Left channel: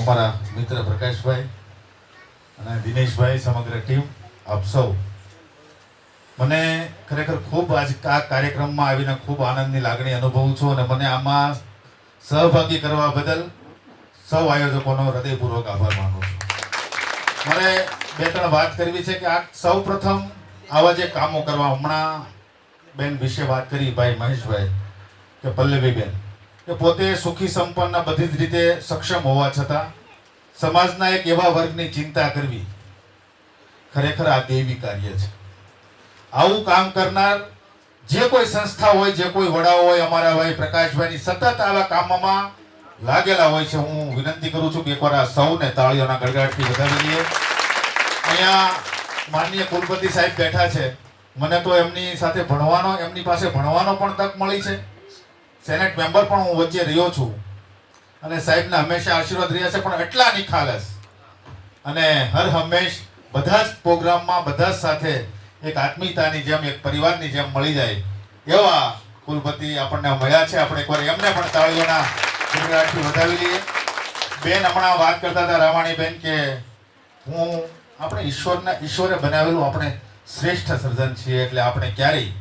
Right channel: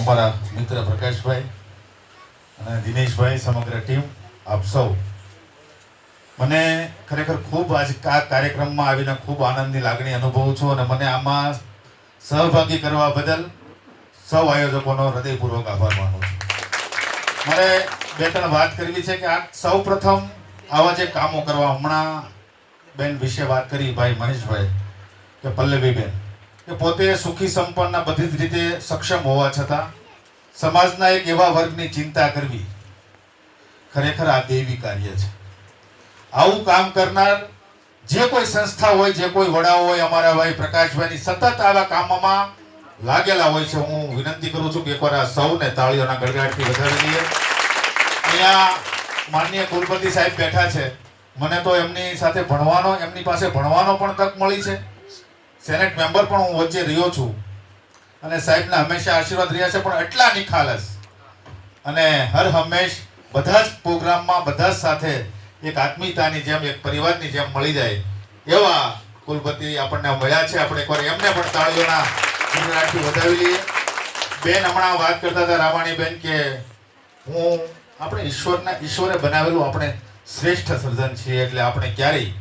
અમારા મિત્ર પ્રકાશભાઈ અને દિનેશભાઈ, સમગ્ર ટીમ, આપ સૌ, મને ખરેખર ખૂબ આજ આ કાર્યક્રમમાં આવીને ખૂબ આનંદની લાગણી અનુભવું છું અને મને આમાં સહભાગી કરવા બદલ સૌ આયોજકોનો હૃદયપૂર્વક આભાર માનું છું. મારે બે ત્રણ વાત કરવી છે કે આ સૌ પ્રથમ આવા જે કામો કરવા, હમણાં બેન વિશે વાત કરી ભાઈ મહેશભાઈ કે પલ્લવીબેન, કે પોતે સુખી સંપન્ન બધી જ રીતે સક્ષમ હોવા છતાં સમાજના એક એવા વર્ગની ચિંતા કરવી, ખરેખર આ દૈવી કાર્ય છે. આવું કામ કરનાર જે કોઈ સંસ્થા હોય, જે કોઈ વડાઓ હોય, અમારા ભાઈ પ્રકાશભાઈની સતત આવા કામમાં લાગેલા હોય છે. હું વિનંતી કરું છું કે એકવાર આ સૌને તાળીઓના ગડગડાટથી વધાવી લઈએ. અહીંયા માનનીય કુલપતિ સાહેબ બેઠા છે. મને તો એમની સાથે ભણવાનો, એમની પાસે ભણવાનો પણ તક મળી છે. સેનેટ મેમ્બર પણ હું વચ્ચે રહ્યો છું અને સાહેબના હંમેશા આશીર્વાદ રહ્યા છે. પણ એટલા નિખાલસ અને હર હંમેશ બધા જ પ્રોગ્રામમાં બધા જ સાથે એક આત્મીયતાની જેમ, એક પરિવારની જેમ મળી જાય એવા કુલપતિ આપણને મળ્યા છે. આપણે એકવાર એમને પણ તાળીઓના ગડગડાટથી વધાવી લઈએ. બેન હમણાં વાત કરતા હતા, રામાણી બેન, કે આપણે ઈશ્વરે બનાવેલું આપણે શ્રેષ્ઠ સર્જન છીએ, એટલે આપણે ક્યારેય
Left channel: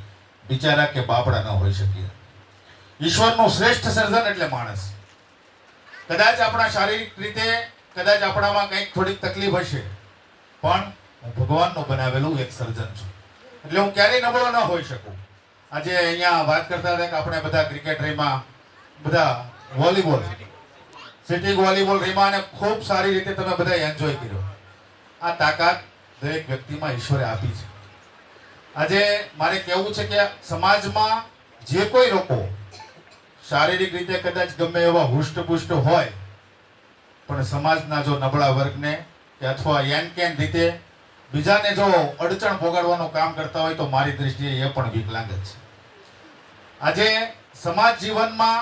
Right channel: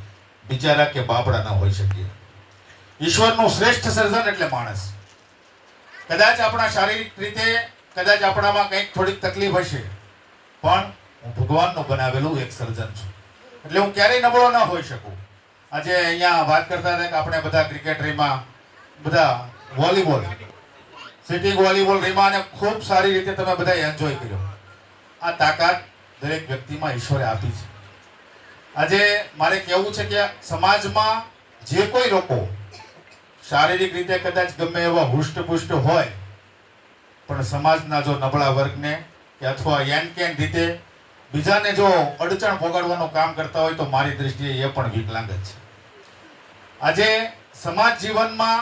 બિચારા કે બાપડા ન હોઈ શકીએ. ઈશ્વરનું શ્રેષ્ઠ સર્જન એટલે માણસ. કદાચ આપણા શારીરિક રીતે કદાચ આપણામાં કંઈક થોડીક તકલીફ હશે, પણ હું ભગવાનનું બનાવેલું એક સર્જન છું, એટલે હું ક્યારેય નબળો ન હોઈ શકું. આજે અહીંયા વાત કરતા હતા કે આપણે બધા ક્રિકેટરીમાં બધા વોલીબોલ, સિટિંગ વોલીબોલ રમ્યા અને ખૂબ સારી રીતે તમે બધા એન્જોય કર્યો. આ તાકાત દરેક વ્યક્તિમાં ઈશ્વરે આપી છે. આજે મારે કહેવું છે કે સમાજમાં જે કોઈ લોકો શારીરિક રીતે કદાચ ગમે એવા હુષ્ટપુષ્ટ હોય, પણ સમાજના જો નબળા વર્ગને કે અથવા એન કેન રીતે બીજાને જો અડચણ પોગાડવાનું કામ કરતા હોય તો મારી દ્રષ્ટિએ એ પણ વિકલાંગ જ છે. આજે સમાજ જીવનમાં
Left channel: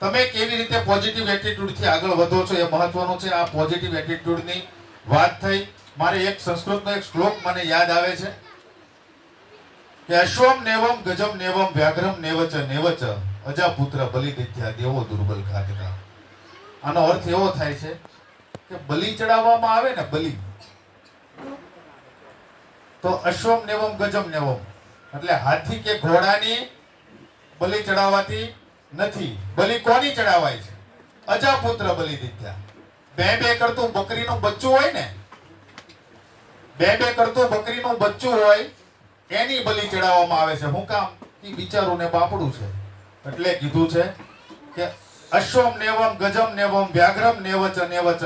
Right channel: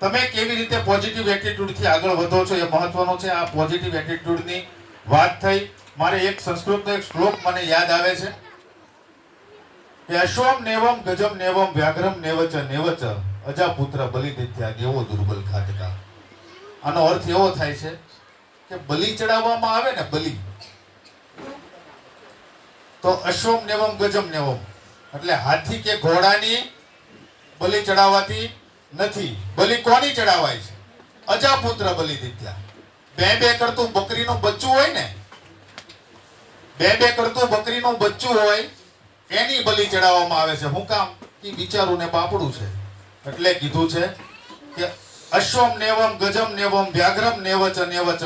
તમે કેવી રીતે પોઝિટિવ એટીટ્યુડથી આગળ વધો છો એ મહત્વનું છે. આ પોઝિટિવ એટીટ્યુડની વાત થઈ. મારે એક સંસ્કૃતનો એક શ્લોક મને યાદ આવે છે કે અશ્વમ નેવમ ગજમ નેવમ વ્યાઘ્રમ નેવચ નેવચ અજાપુત્ર બલિદિત્યા દેવો દુર્બલ ખાતકા. આનો અર્થ એવો થાય છે કે બલિ ચડાવવામાં આવે ને, બલિ, તો અશ્વમ નેવમ ગજમ નેવમ એટલે હાથી કે ઘોડાની બલિ ચડાવવાતી નથી. બલિ કોની ચડાવાય છે? અજાપુત્ર બલિદિત્યા. બે કરતું બકરીનું બચ્ચું હોય ને, બે કરતું બકરીનું બચ્ચું હોય એની બલિ ચડાવવામાં આવે છે. શું કામ? એ બિચારું ને બાપડું છે, એટલે કીધું છે કે અશ્વમ નેવમ ગજમ નેવમ વ્યાઘ્રમ નેવચ નેવચ.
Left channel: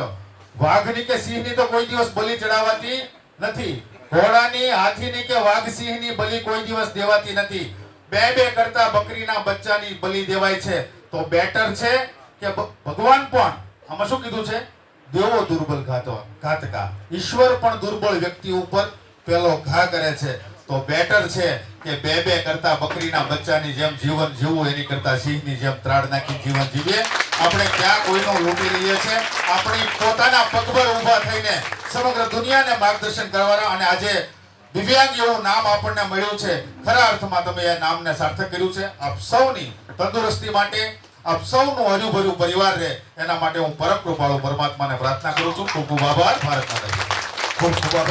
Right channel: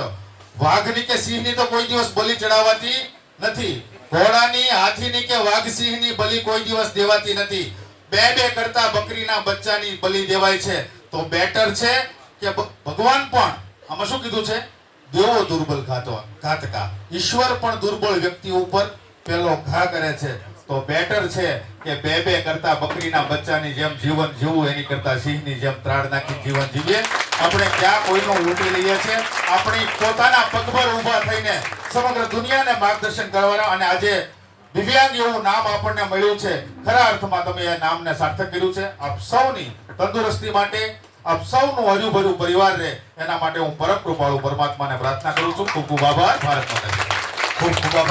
વાઘની કે સિંહની તો કોઈ દિવસ બલિ ચડાવવાતી નથી. ઘોડાની, હાથીની કે વાઘ સિંહની બલિ કોઈ દિવસ દેવાતી નથી. બે કરતા બકરીના બચ્ચાની બલિ દેવાય છે. તો બેટર છે કે ભગવાન પણ આમાં શું કીધું છે? દેવો દુર્બલ ઘાતકા. ઈશ્વર પણ દુર્બળ વ્યક્તિ ઉપર પેલો ઘા કરે છે. તો બેટર છે કે બે કરતા બકરીના બચ્ચાની જેમ જીવન જીવવું, એની કરતા સિંહની જેમ ત્રાડ નાખી જીવન જીવીએ. આપણે ક્યાં કોઈનો લૂંટી લઈએ છીએ? આપણી પોતાના પગભર ઊભા થઈને સમગ્ર દુનિયાને માર્ગદર્શન કરવાના. અને આજે દિવ્યાંગ એવું નામ આપણને મળ્યું છે. ખરા અર્થમાં તમે એ નામને સાર્થક કર્યું છે. આપ સૌની તંદુરસ્તી માટે, આપ સૌનું હજુભજુ પરિવાર રહે એના માટે હું પરમ કૃપાળુ પરમાત્માને પ્રાર્થના કરું છું. ખૂબ ખૂબ આભાર. ભારત માતા. ખૂબ ખૂબ આભાર.